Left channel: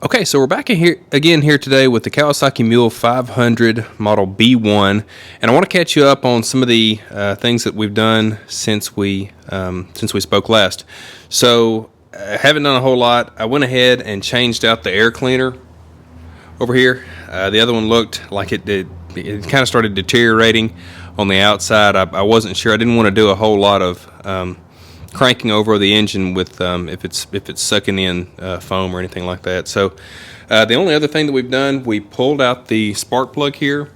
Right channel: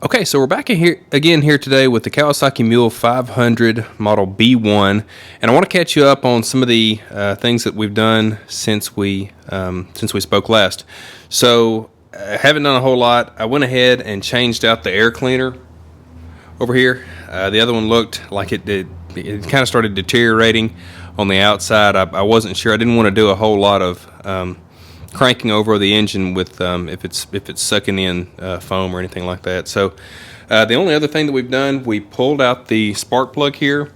Okay, so we're back in here again today with the Kawasaki Mule 500 model B1, and I want to catch you up on some of the things that we've done since we spoke last. So I haven't done a whole lot. I went ahead and changed out the air cleaner over here. The other one looked like it kind of started deteriorating on the outside. I wasn't sure. I didn't want to do a whole lot of cranking over the engine with if it's sucking in foam or anything like that. So the only other thing that we've done, we pulled out the spark plug here,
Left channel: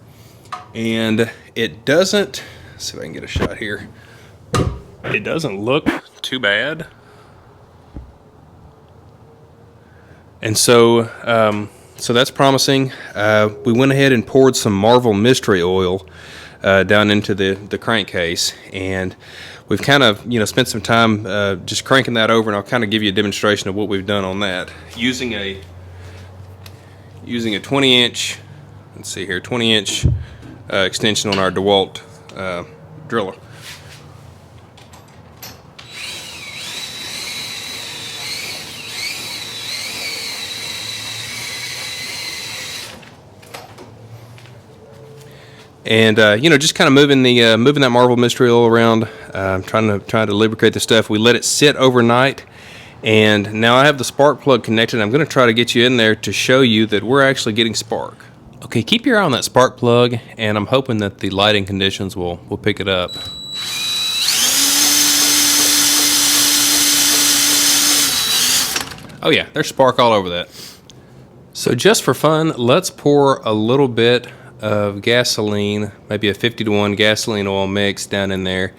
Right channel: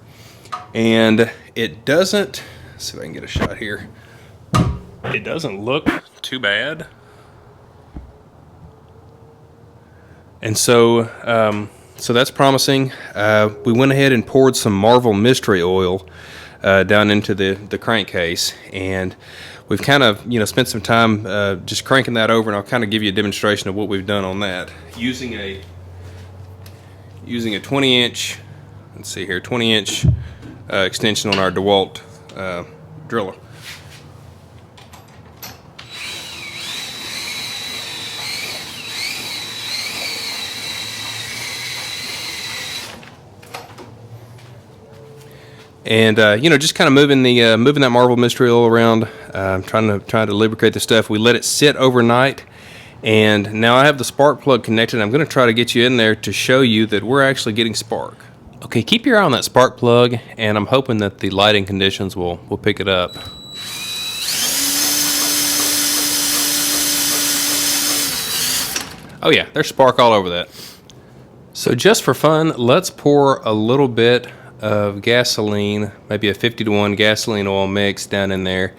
and it doesn't, let's see if I can get a shot here. It doesn't look too bad. And so so that's promising. We went ahead and poured some Marvel Mystery Oil down into the crankcase, and we've kind of spent some time just cranking that over, and I'll kind of give you a demonstration of what we've done on that using a 20-inch, let's see here, 20-inch extension on our DeWalt driller. And just kind of moving that Marvel Mystery Oil around, trying to lubricate the stuff. We let it sit overnight, and now I have the spark plug connected. I'm going to try to get you in there to show you that we're actually getting spark. Okay, keep your eye on that spark plug, and I'm hoping that the lighting conditions will pick it up. Oh yeah, there's spark all over that. So just for fun, let's pour a little bit of gasoline, maybe a 50-to-1 gasoline oil mix down in there,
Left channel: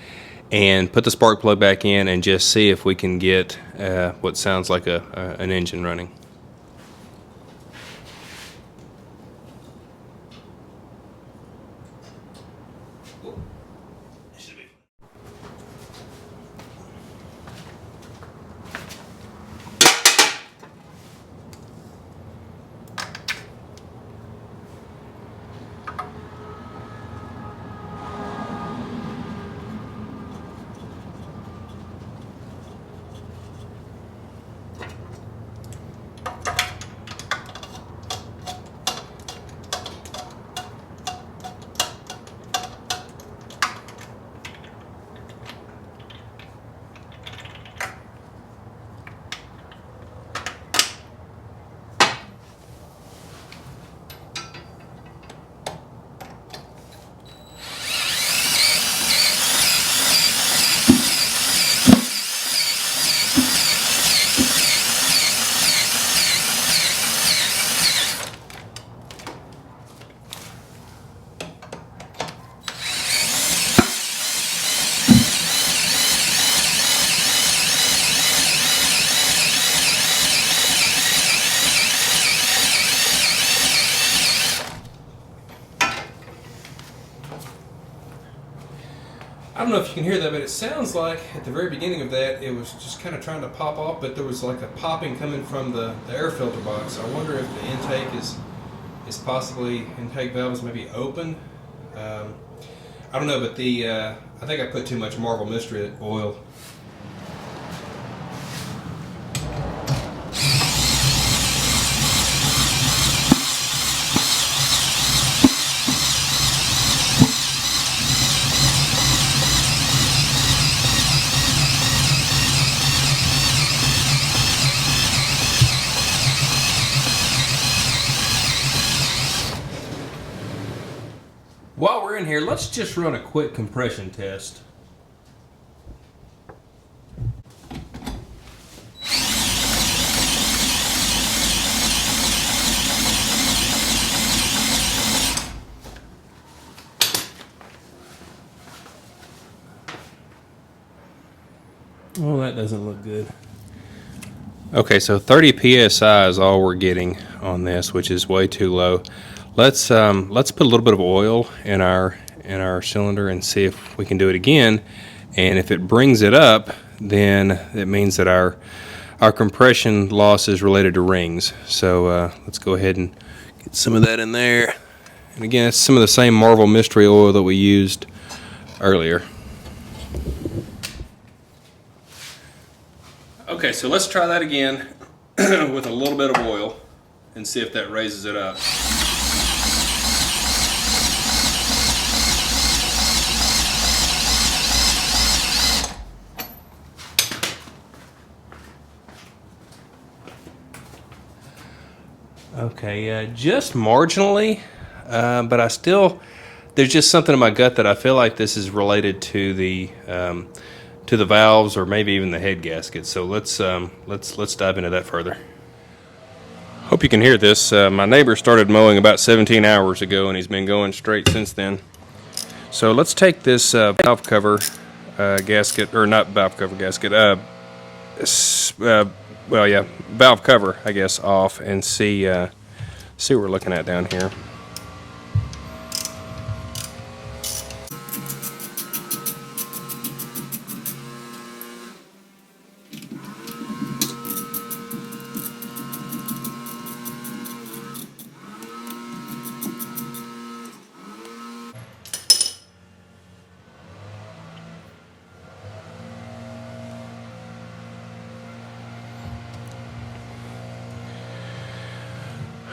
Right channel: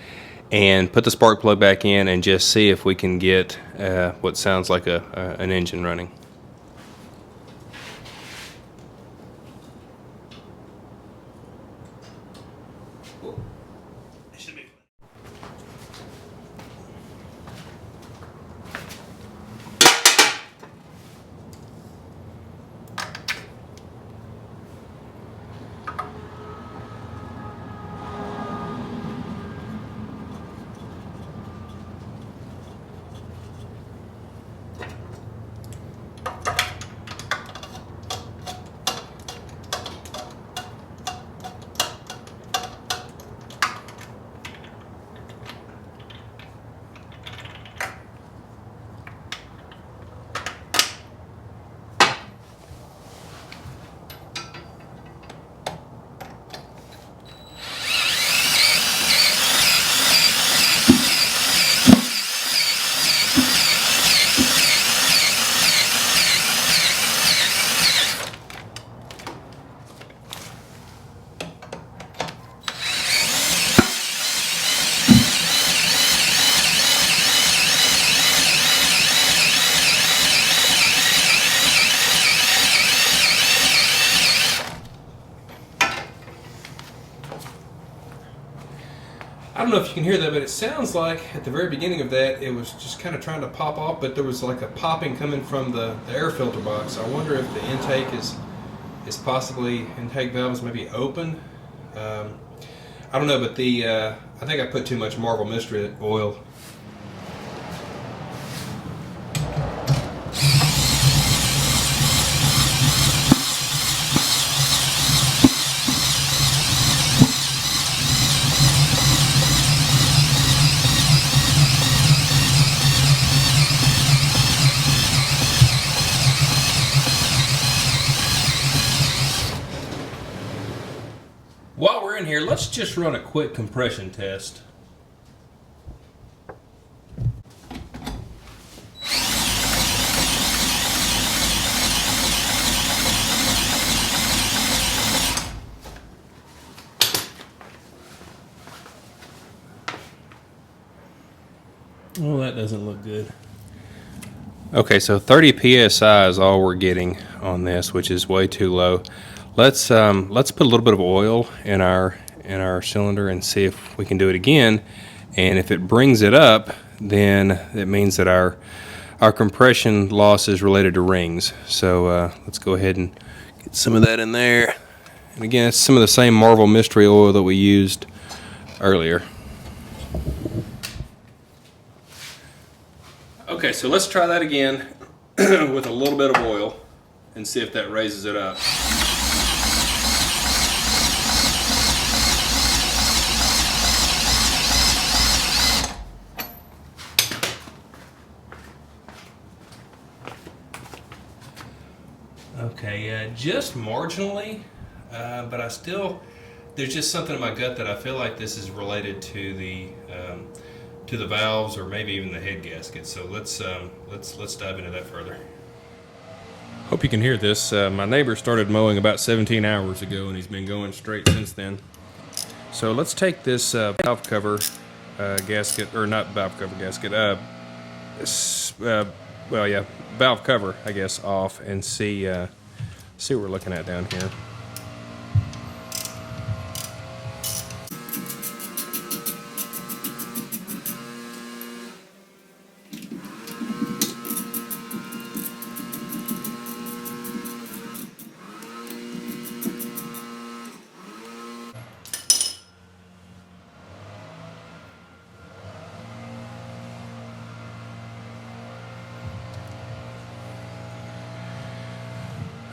and put the spark plug back in and just see if we can get what sounds like an engine running. I don't know if you can hear that, but it sounds like at the very beginning of that it was just kind of trying to pop off, but there was like a popping coming from the air filter box. I wonder if the intake is possibly, intake valve is maybe open. I don't know, but I think I put too much Marvel Mystery Oil. While we're in here, let's just run a quick compression test. Well, that doesn't look good. Okay, so 30 psi is all we're getting on this, which is way too low. Let's put a little bit of oil in our cylinder and see if we can do it again. And if it brings it up, then it means that our compression loss is related to rings. So let's go ahead and get some of that in there. And again, it's some of the same Marvel Mystery Oil that we used earlier. Okay, so let's try that again with a little bit of oil. and see if that raises it up. Okay, just marginally, but I still, there's just something in my gut that I feel like this is related to the valves or maybe even the head gasket. So let's dive into that further. Hope you can hear this. My neighbor started mowing about 17 hours ago, and he's been going straight since then. So let's take this valve cover gasket, or not valve cover gasket, well, yeah, valve cover, I guess, off and see what we're looking at down here.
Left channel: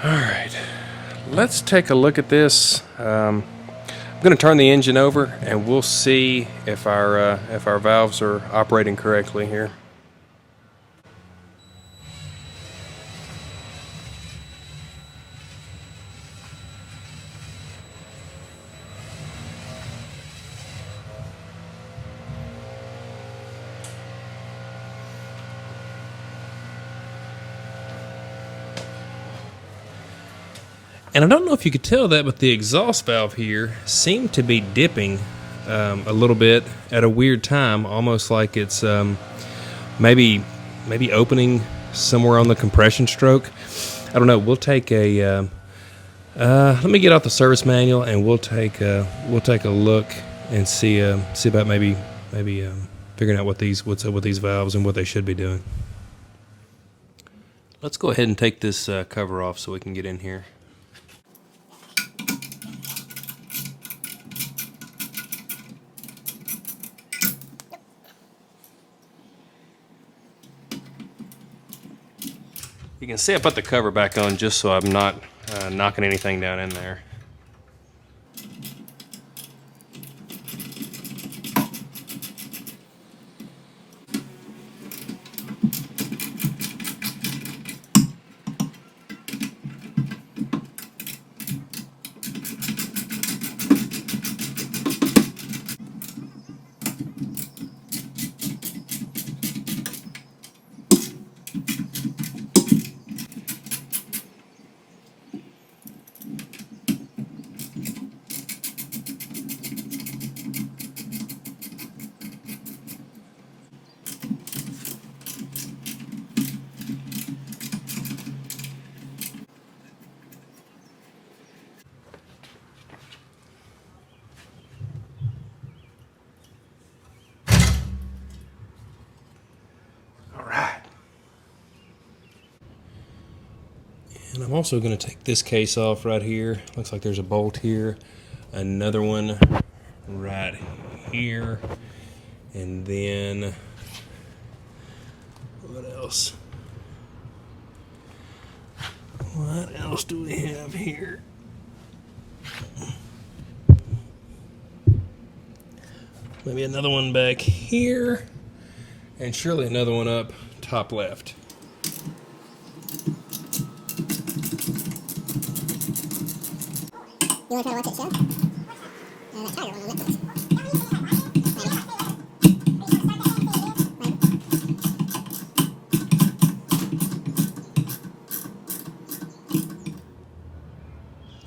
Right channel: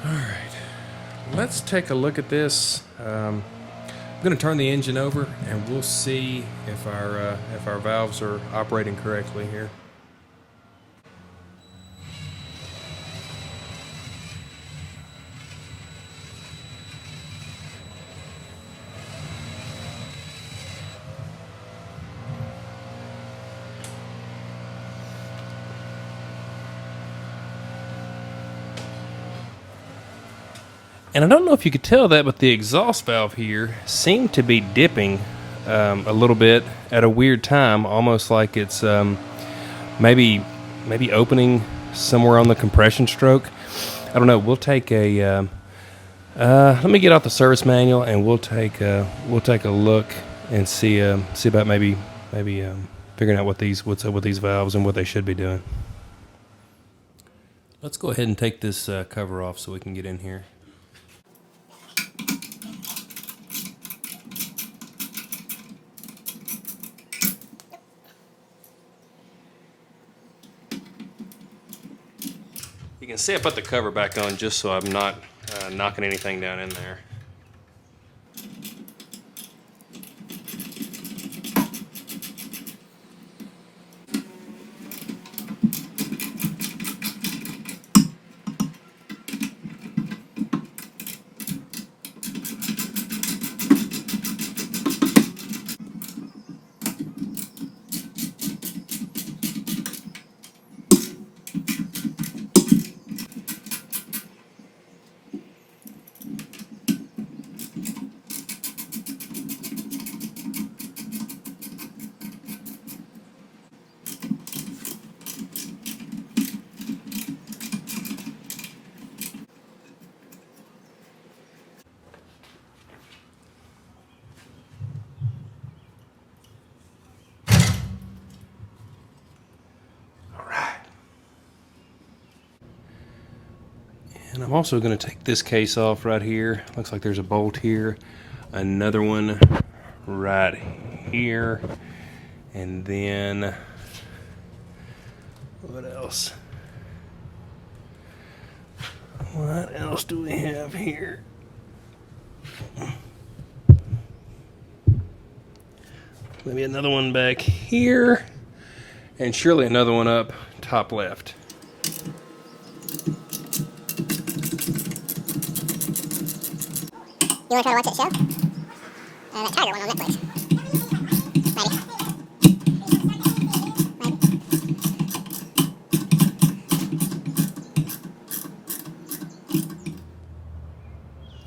Alright, let's take a look at this. I'm going to turn the engine over and we'll see if our valves are operating correctly here. And I don't know if you could tell that, but the exhaust valve here seemed to be dipping a little bit at a weird time, almost like it's maybe opening somewhere on the compression stroke. I don't know. We'll take a let me get out the service manual and we'll take a look and see about maybe figuring out what's up with these valves and what they should be doing. Let's go ahead and take this cover off so we can get in here. You can see I put the cover back on just so I'm not knocking anything down in there. And I'm also going to take this case off right here. Looks like there's a bolt here, another one right here, and then what else? What else do we have here? Maybe another one back here, and surely another one up top left. You want to try to watch that show? That Tiger one on Netflix. Maybe.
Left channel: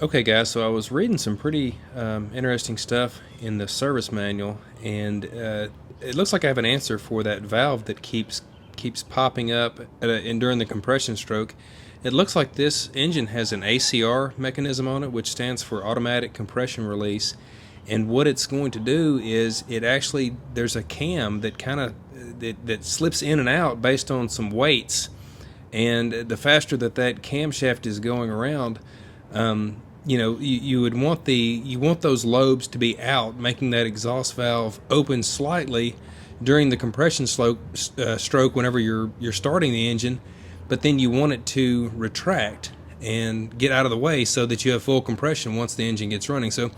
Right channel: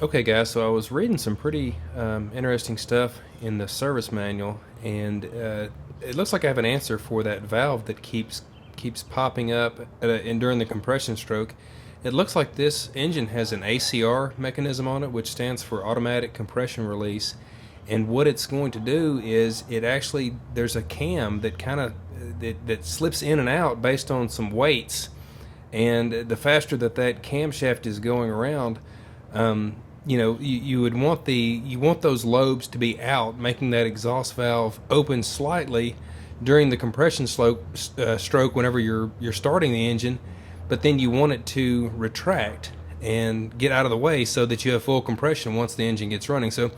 Okay guys, so I was reading some pretty interesting stuff in the service manual, and it looks like I have an answer for that valve that keeps popping up and during the compression stroke. It looks like this engine has an ACR mechanism on it, which stands for automatic compression release. And what it's going to do is there's a cam that that slips in and out based on some weights. And the faster that camshaft is going around, you would want those lobes to be out, making that exhaust valve open slightly during the compression stroke whenever you're starting the engine. But then you want it to retract and get out of the way so that you have full compression once the engine gets running. So,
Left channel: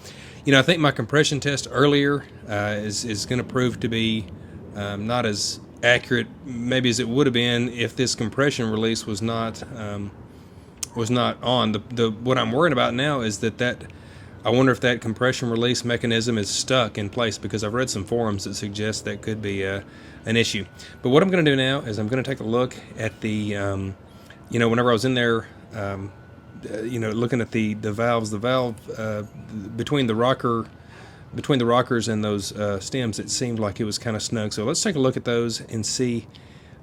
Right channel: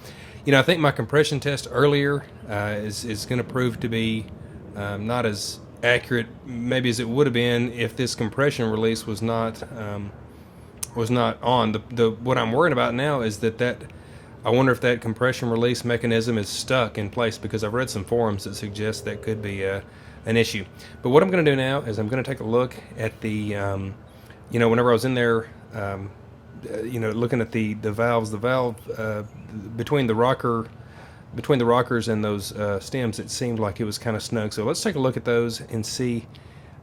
you know, I think my compression test earlier is going to prove to be not as accurate maybe as it would have been if this compression release was not on. What I'm worried about now is that I wonder if that compression release mechanism is stuck in place, because I've read some forums that suggest that could be an issue. But what I'm going to do now is I'm going to take a look at the, you know, whenever I was in there, you know, looking at the valves, between the rockers and those stems, it seemed like it was kind of snug. So let's take a look at those and see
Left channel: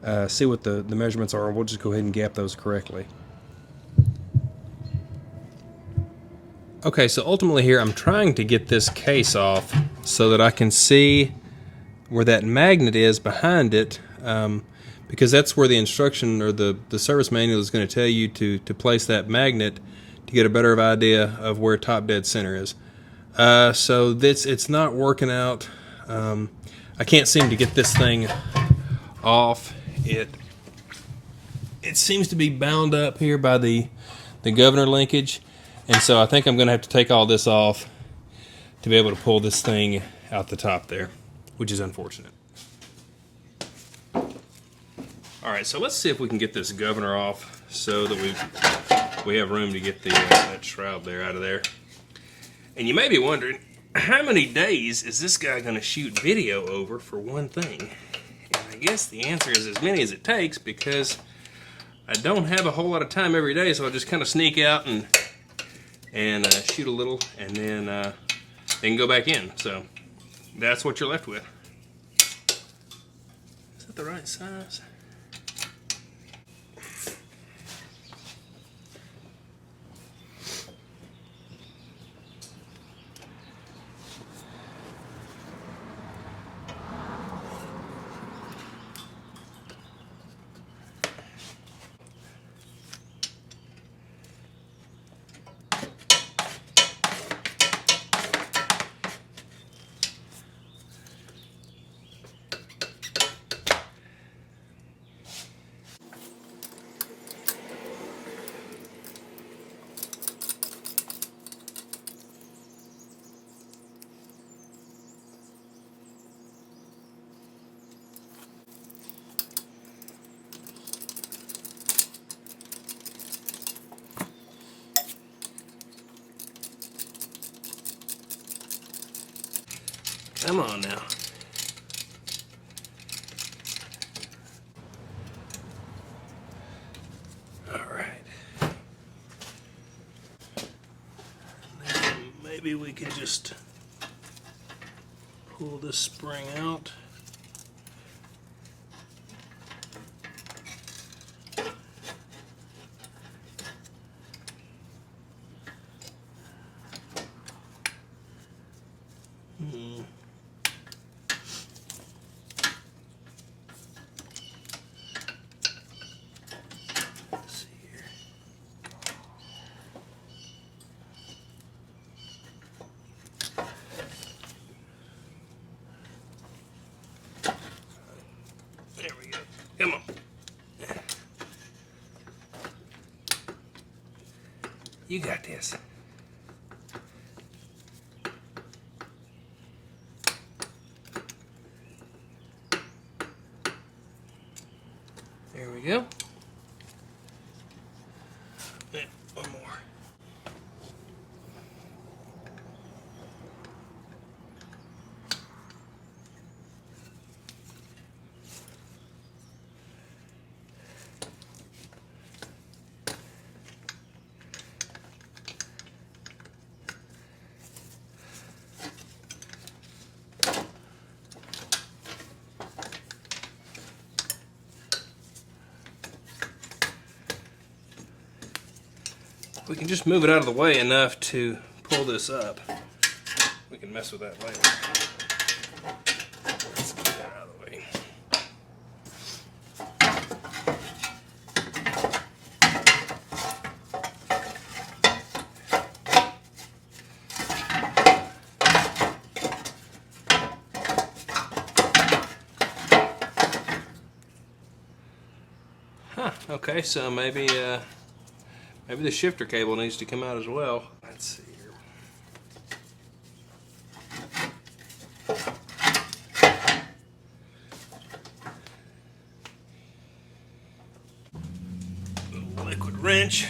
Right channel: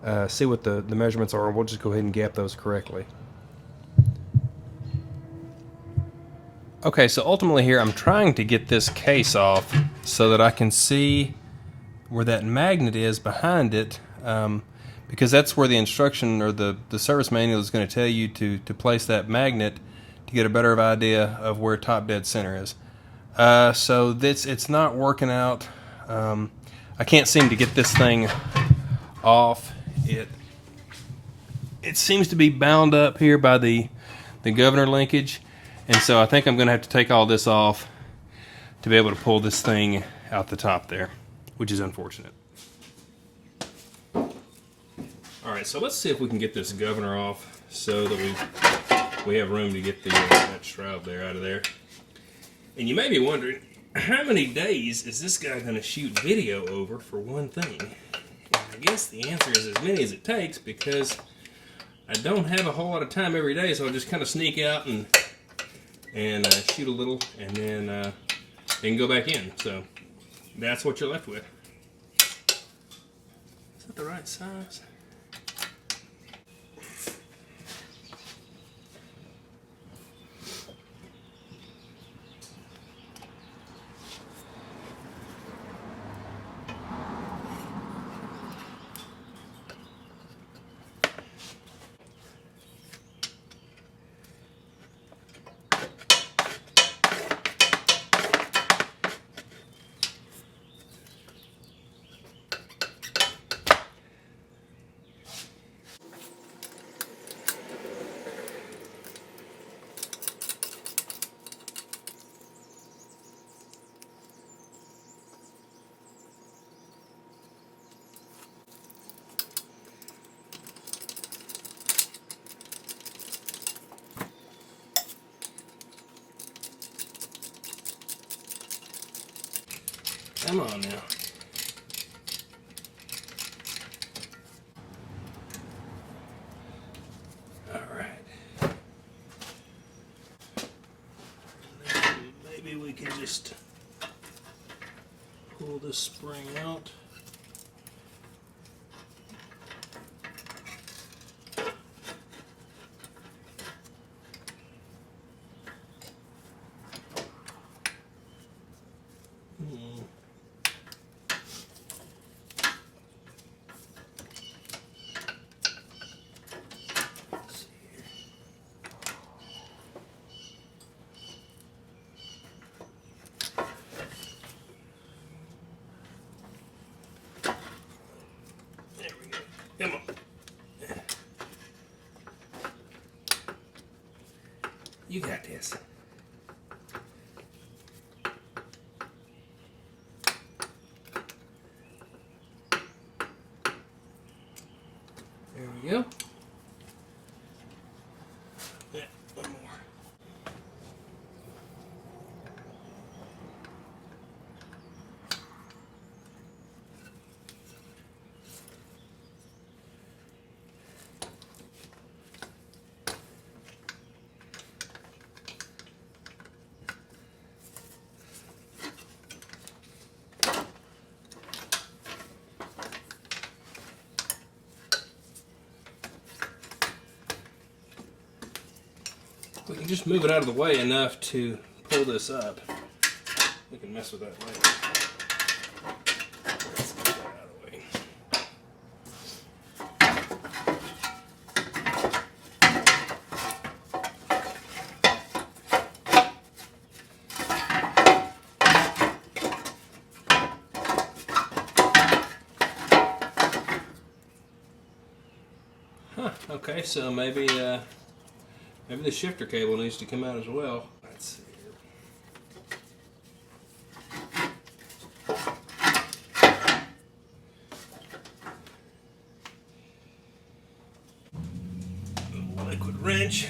what the measurements are, and we'll just go ahead and gap those correctly. Okay, so ultimately here I'm trying to get this case off so that I can see where that magnet is behind it, because that's where the instruction or the service manual is going to tell you to place that magnet to get a better idea of where top dead center is. So it's not working out. I can't seem to get this thing off. It seems to be bound up here by the governor linkage. And so I think I'm going to have to take all this off to be able to pull this thing out the top there, which is unfortunate. All right, so let's see if we can get this governor off so that we have room to get that shroud there out of there. And you may be wondering, how many days is this guy going to shoot video over for one thing? And I guess the answer is as many as it takes, because I don't have a whole lot of time every day, so I'll just kind of sneak out and shoot a little, and then go back in. So that's what you're left with. Is that the right size? Come on now. All right. Maybe we can just pull this spring out. Come on. You got this. There we go. Yeah, one more. We can just move it out of the way enough to pull this up. We can mess with that later. Let's get that out of the way. Okay, so maybe Maybe the shifter cable needs to come out as well. Let's see here. Liquid wrench.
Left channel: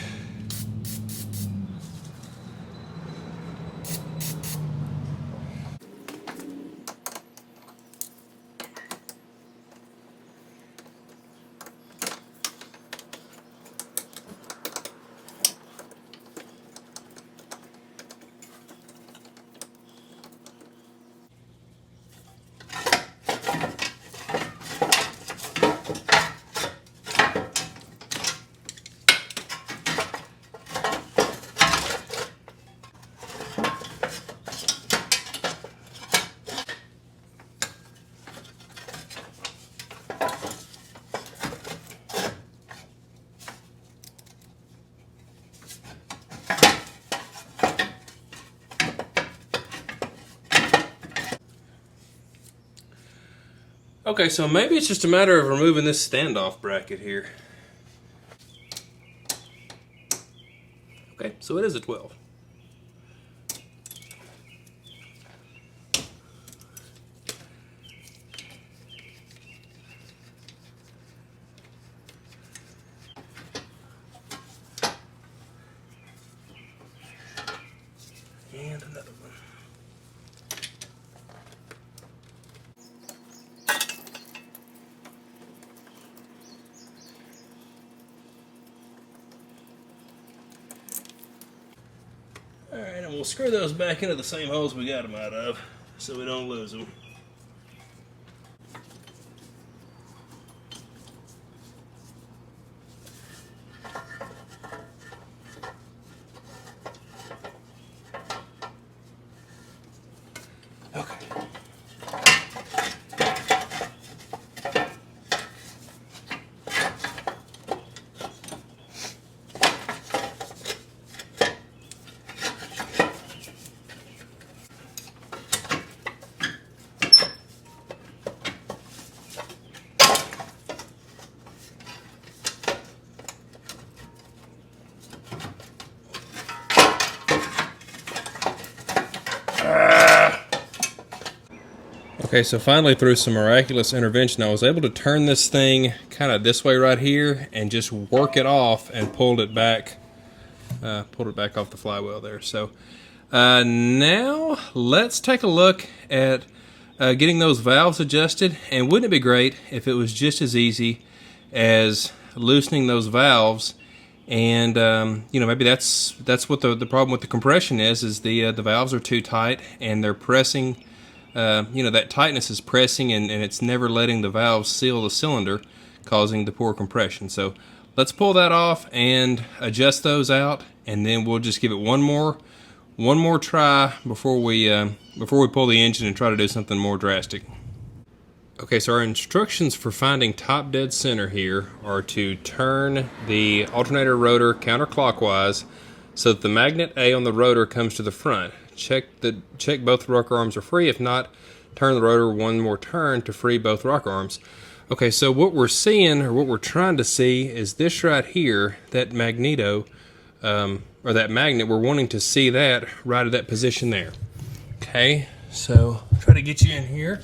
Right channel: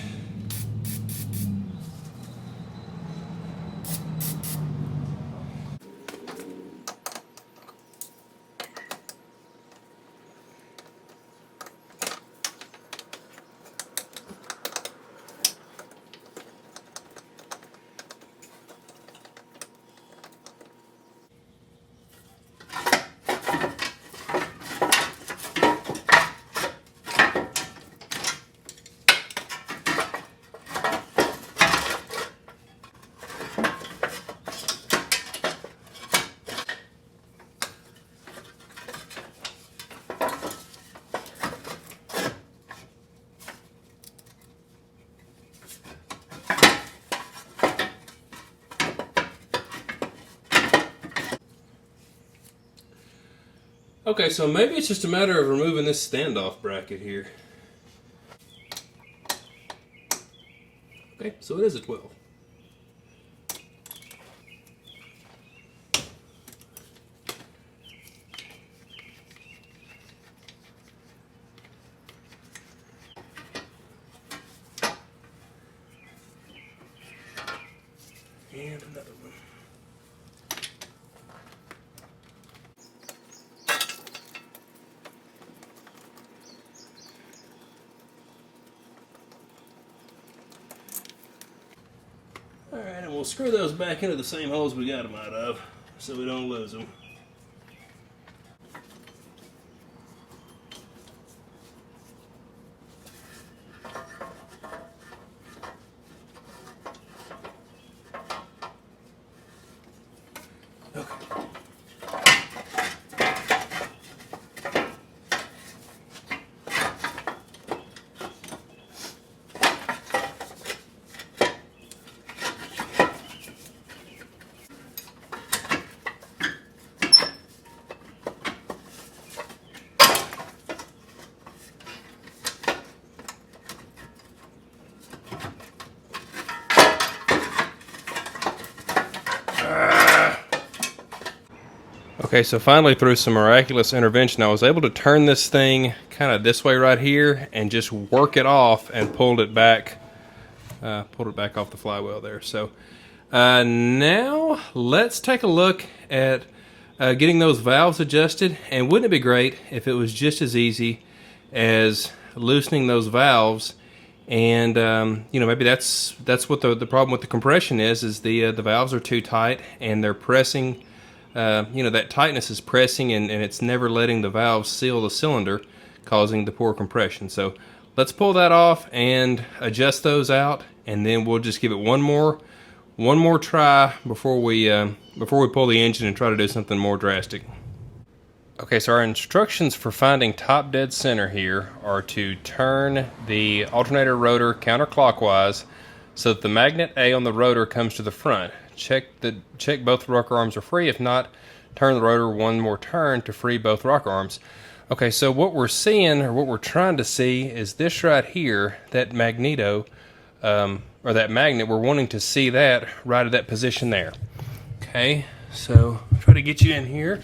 Okay, so maybe it's just a matter of removing this standoff bracket here. Okay, so it is a 12. And another one. Alright, and we'll screw those back into the same holes we got them out of so we don't lose them. Okay. Okay, so finally through some miraculous intervention, I was able to turn this thing kind of this way right here and just work it off and pulled it back off the flywheel there. So now let's take a look at getting those valves adjusted. And wouldn't it be great if it was just as easy as loosening those valves? And you know, maybe that's what the problem with the compression is the valves are too tight and they're pressing. You know, that tightness is pressing and it's never letting the valves seal the cylinder, causing the poor compression. So let's pull that off and adjust those out, and then we'll just give it one more try before we pull the engine and try to do something more drastic. Okay, so our instructions for finding top dead center here are to turn the alternator rotor counterclockwise so that the magnet A on the rotor comes to the front. Check both rocker arms are free. If not, turn the rotor one more turn to free both rocker arms. Okay, so what we're seeing, or what we're trying to see, is this right here, that magneto, or that magnet. We're wanting to see that right at that position there. Okay, so I'll try to get you in here.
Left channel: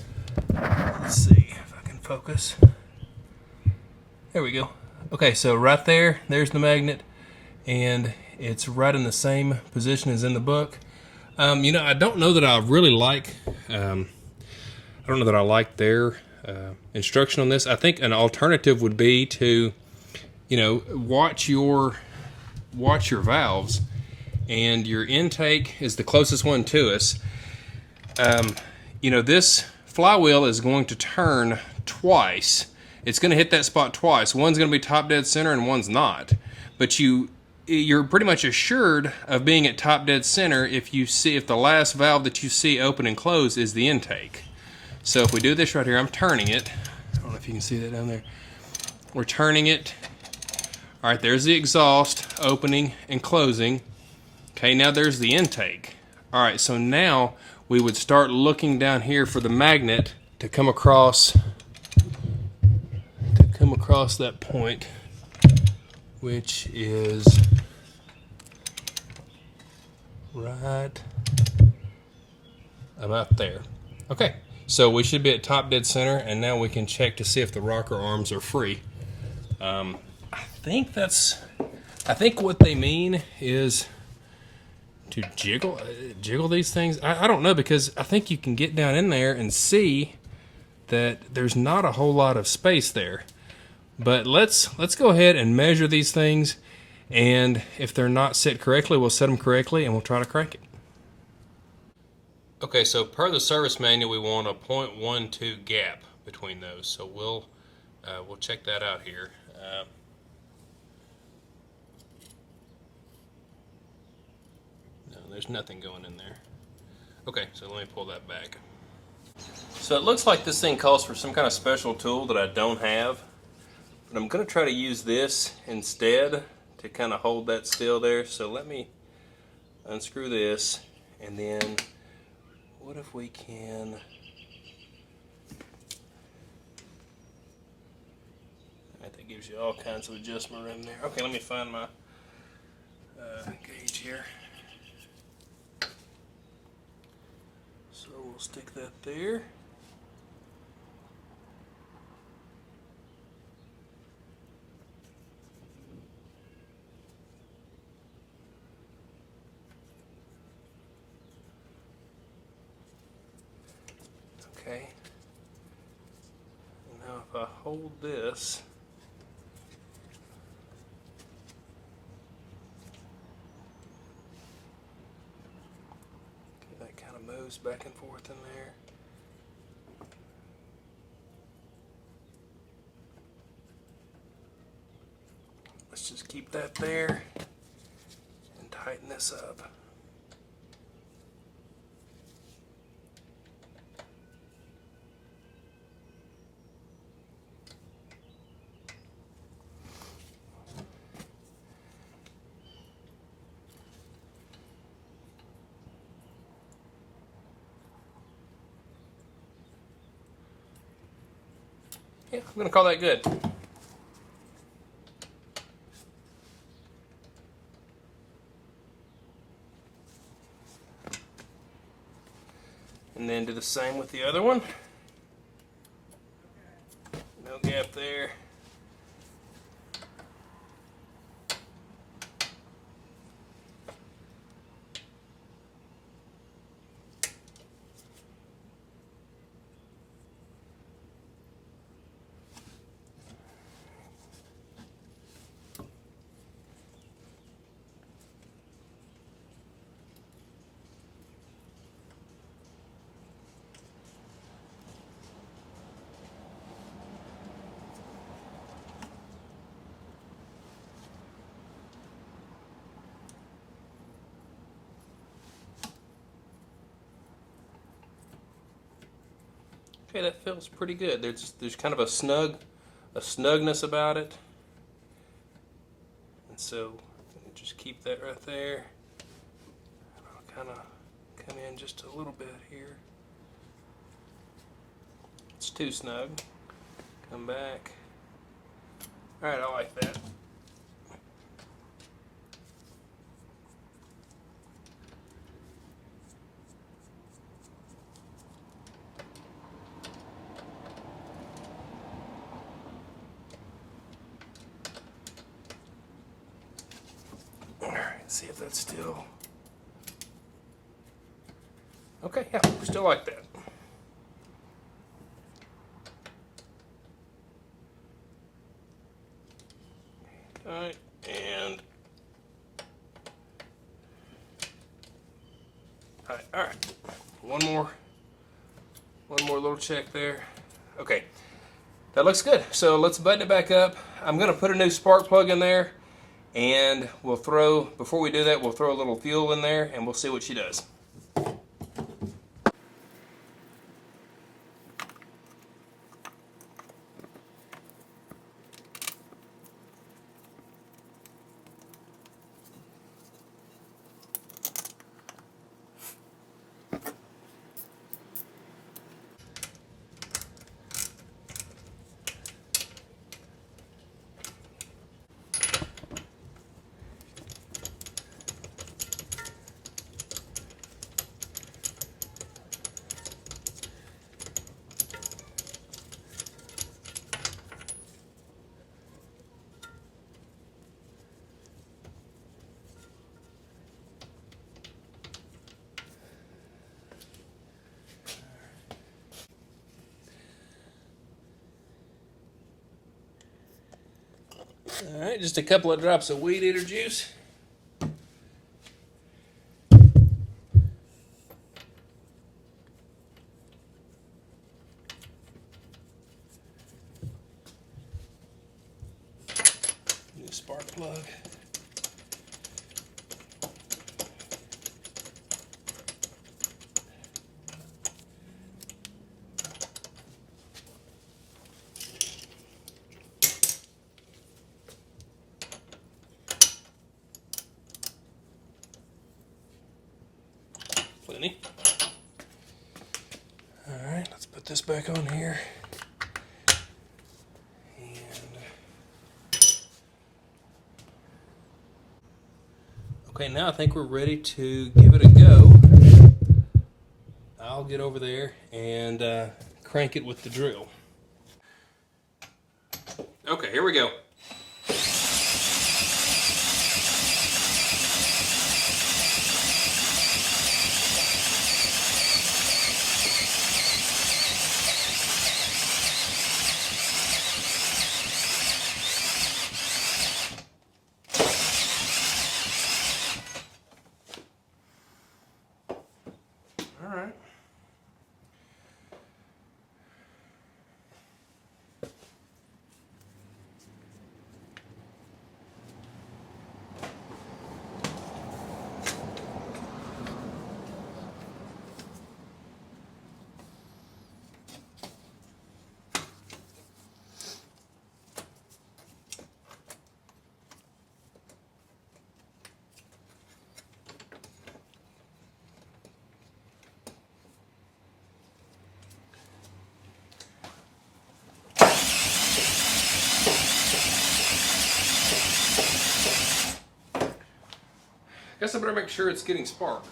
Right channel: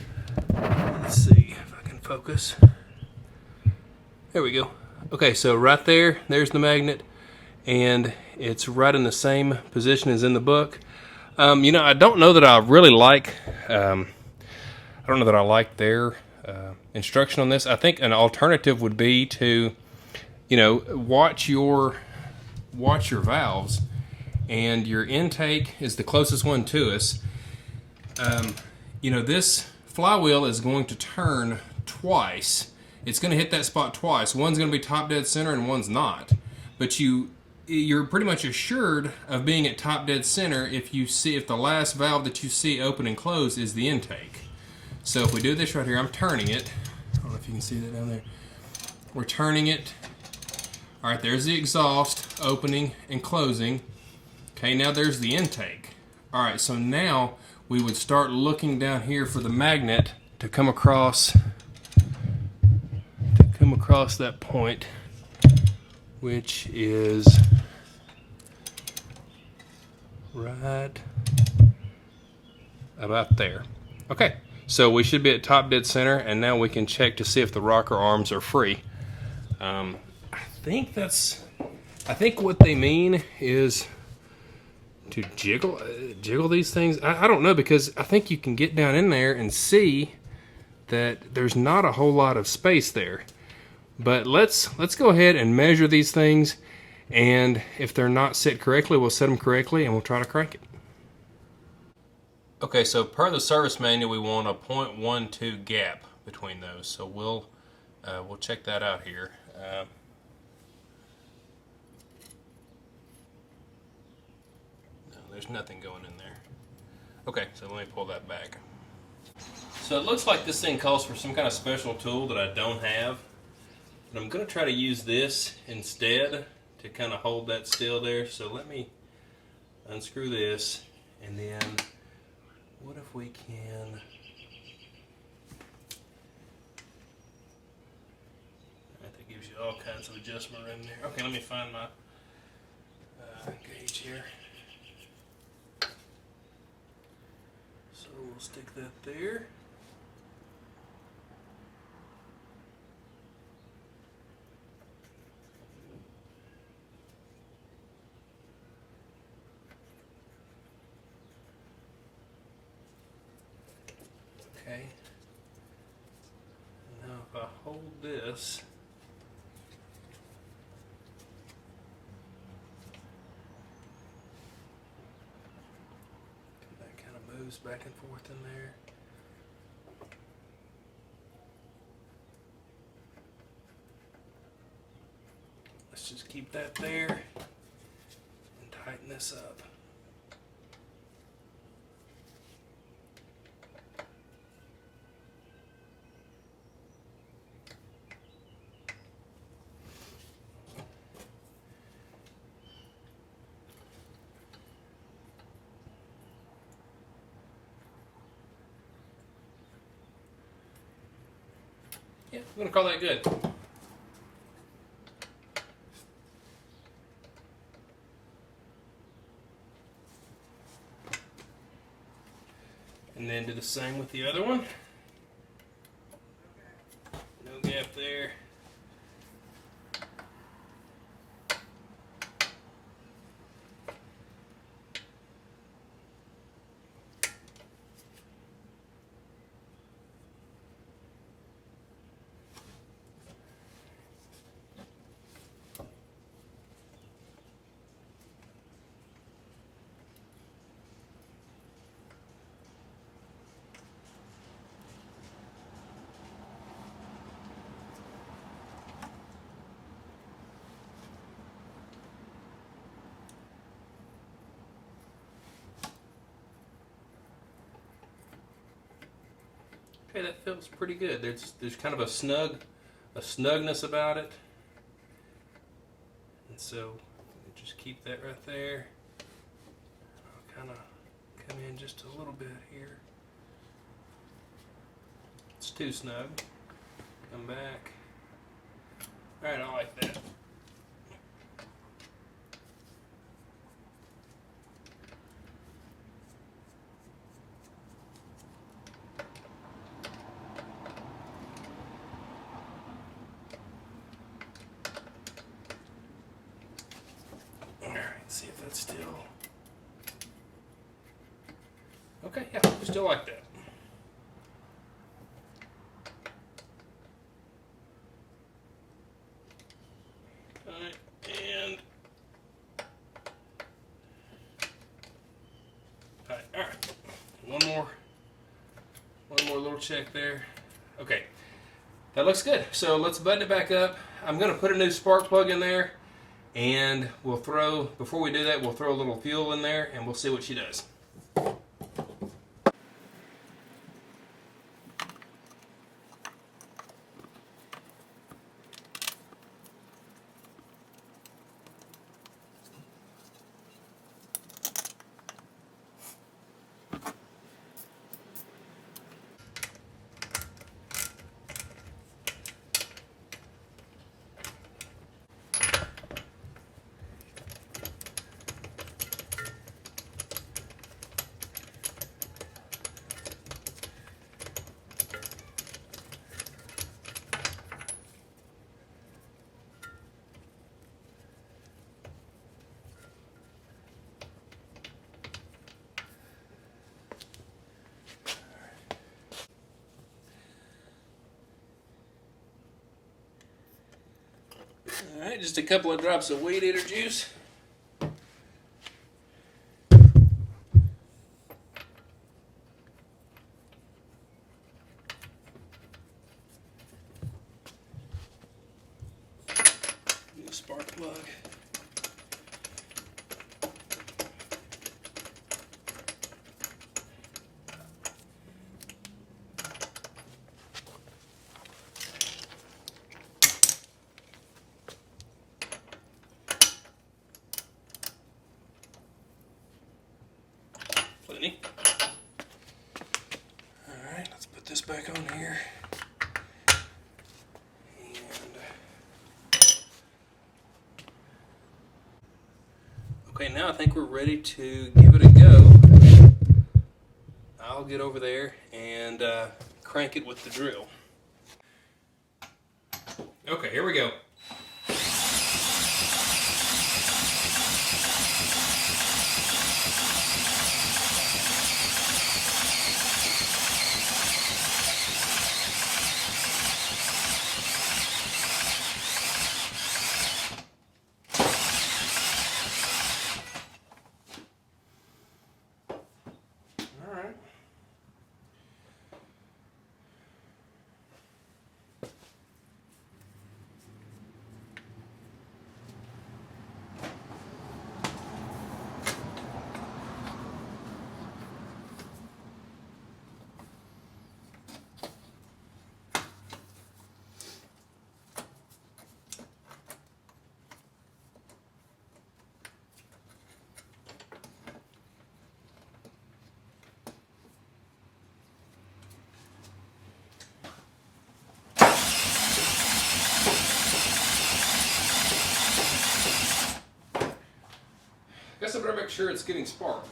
Let's see if I can focus. There we go. Okay, so right there's the magnet, and it's right in the same position as in the book. You know, I don't know that I really like. I don't know that I like their instruction on this. I think an alternative would be to, you know, watch your valves, and your intake is the closest one to us. You know, this flywheel is going to turn twice. It's going to hit that spot twice. One's going to be top dead center and one's not. But you're pretty much assured of being at top dead center if the last valve that you see open and close is the intake. So if we do this right here, I'm turning it. I don't know if you can see that down there. We're turning it. All right, there's the exhaust opening and closing. Okay, now there's the intake. All right, so now we would start looking down here for the magnet to come across that point, which is right about there. Okay, so we should be at top dead center, and now we can check to see if the rocker arms are free. I think what they mean is to jiggle these things. I don't know, because I think you can get down in there and see that there's not a whole lot of space there. But let's go ahead and measure these things, and if they're not set correctly, we'll set them correctly and we'll try to crank it. Okay, so per the service manual, we want a 0.12 gap between those. So we'll check that out here. No, there's nothing going in there. Okay, so let me pull that back. So it looks like this thing calls for some kind of special tool that I don't have, but I'm going to try to use this instead to kind of hold that still there. So let me unscrew this, and then what if we can... That gives you all kinds of adjustment in there. Okay, let me find my gauge here. So we'll stick that there. Okay. And now if I hold this, that kind of moves back and forth in there. Let's just keep that there and tighten this up. Yeah, I'm going to call that good. And then do the same with the other one. No gap there. Okay, that feels pretty good. There's kind of a snugness about it, and so just keep that right there. And I'll kind of come in just a little bit here. It's too snug. Come back. All right, I like that. See if that's still okay. Yeah, we still like that. All right, and all right. One more little check there. Okay, that looks good. So let's button it back up. I'm going to put a new spark plug in there. And we'll throw, before we do that, we'll throw a little fuel in there and we'll see what she does. just a couple of drops of weed eater juice. New spark plug. Plenty. All right, let's put this back on here. Okay, now I think we're ready to give it a go. I'll get over there and crank it with the drill. Okay, here we go. Guess I better make sure it's getting spark.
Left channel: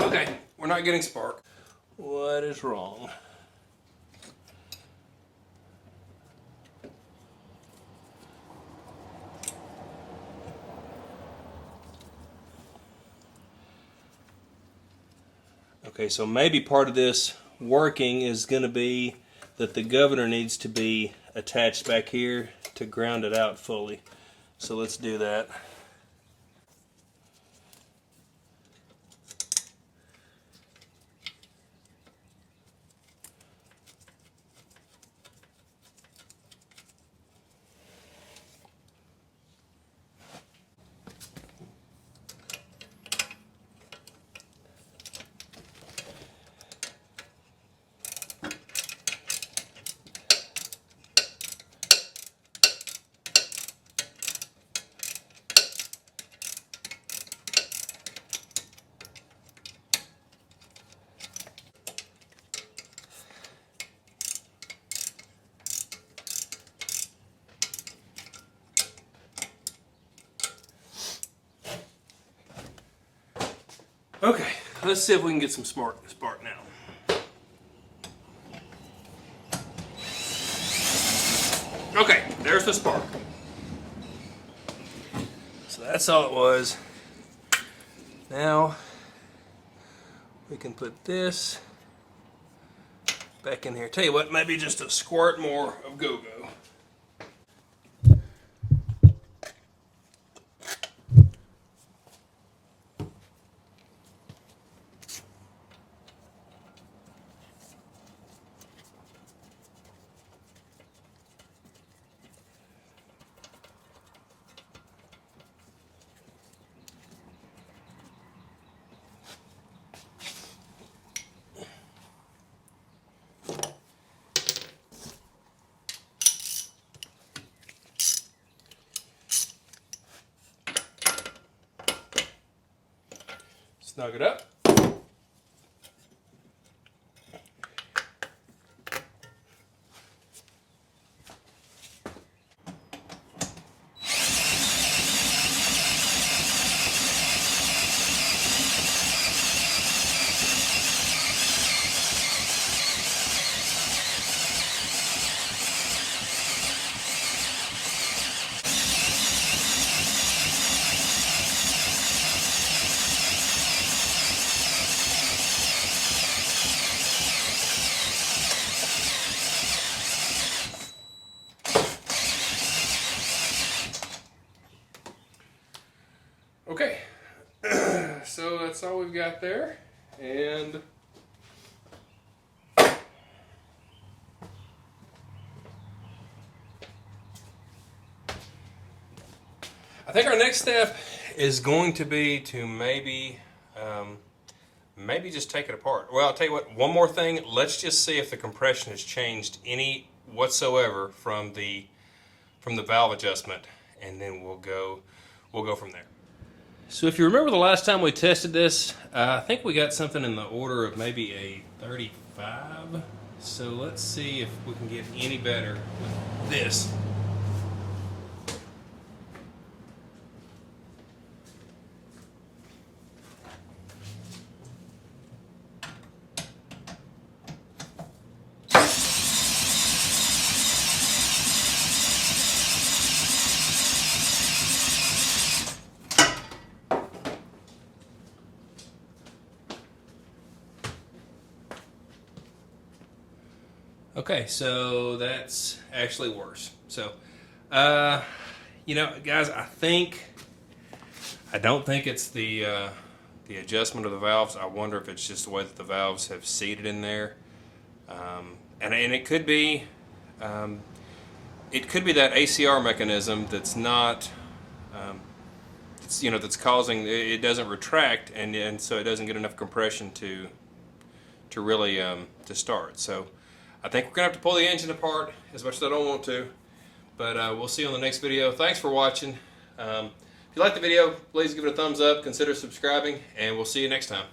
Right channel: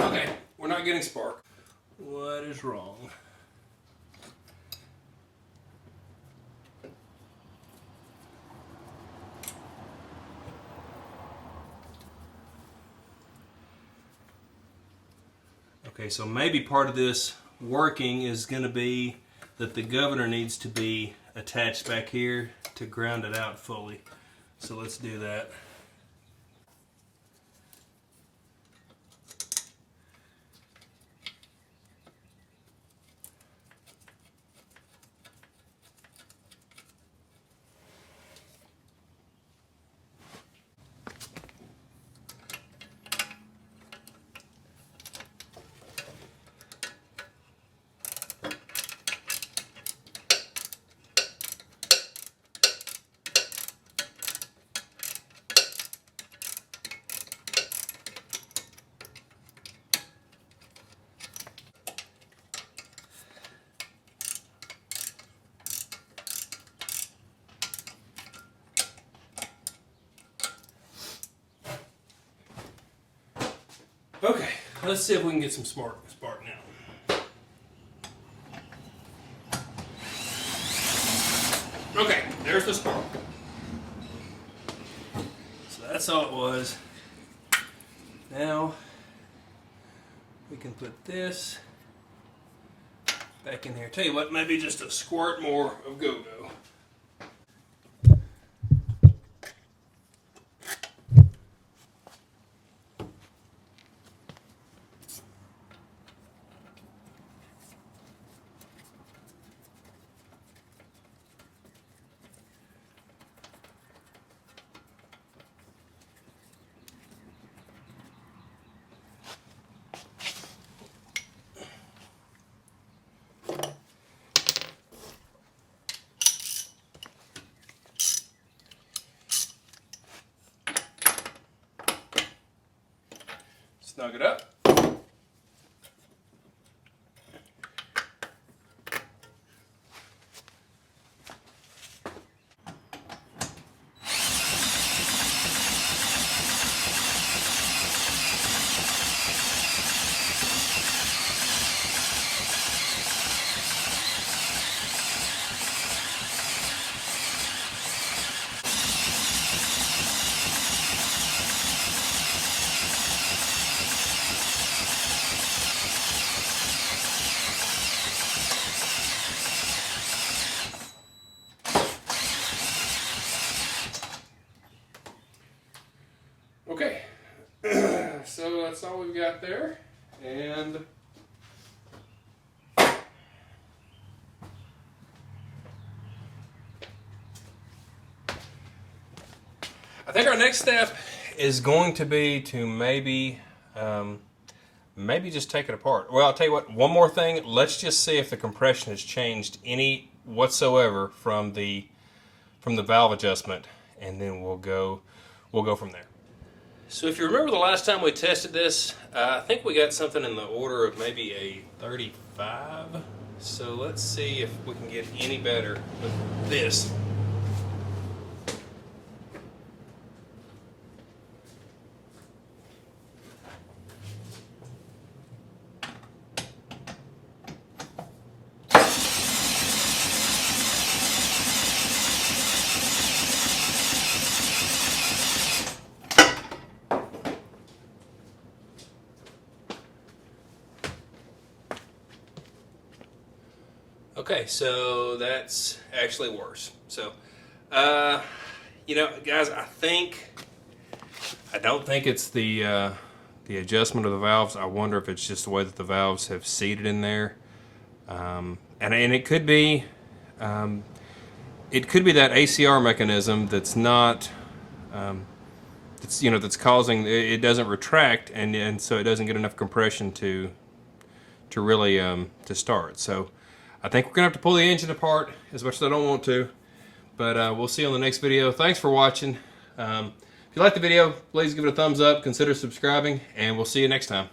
Okay, we're not getting spark. What is wrong? Okay, so maybe part of this working is going to be that the governor needs to be attached back here to ground it out fully. So let's do that. Okay, let's see if we can get some spark now. Okay, there's the spark. So that's all it was. Now we can put this back in here. Tell you what, maybe just a squirt more of go-go. Snug it up. that's all we've got there. And I think our next step is going to be to maybe just take it apart. Well, I'll tell you what, one more thing. Let's just see if the compression has changed any whatsoever from the valve adjustment, and then we'll go from there. So if you remember the last time we tested this, I think we got something in the order of maybe a 35. So let's see if we can get any better with this. Okay, so that's actually worse. So, you know, guys, I don't think it's the adjustment of the valves. I wonder if it's just the way that the valves have seated in there, and it could be that ACR mechanism that's not, that's causing it doesn't retract, and so it doesn't get enough compression to really to start. So I think we're going to have to pull the engine apart, as much as I don't want to. But we'll see you on the next video. Thanks for watching. If you like the video, please give it a thumbs up, consider subscribing, and we'll see you next time.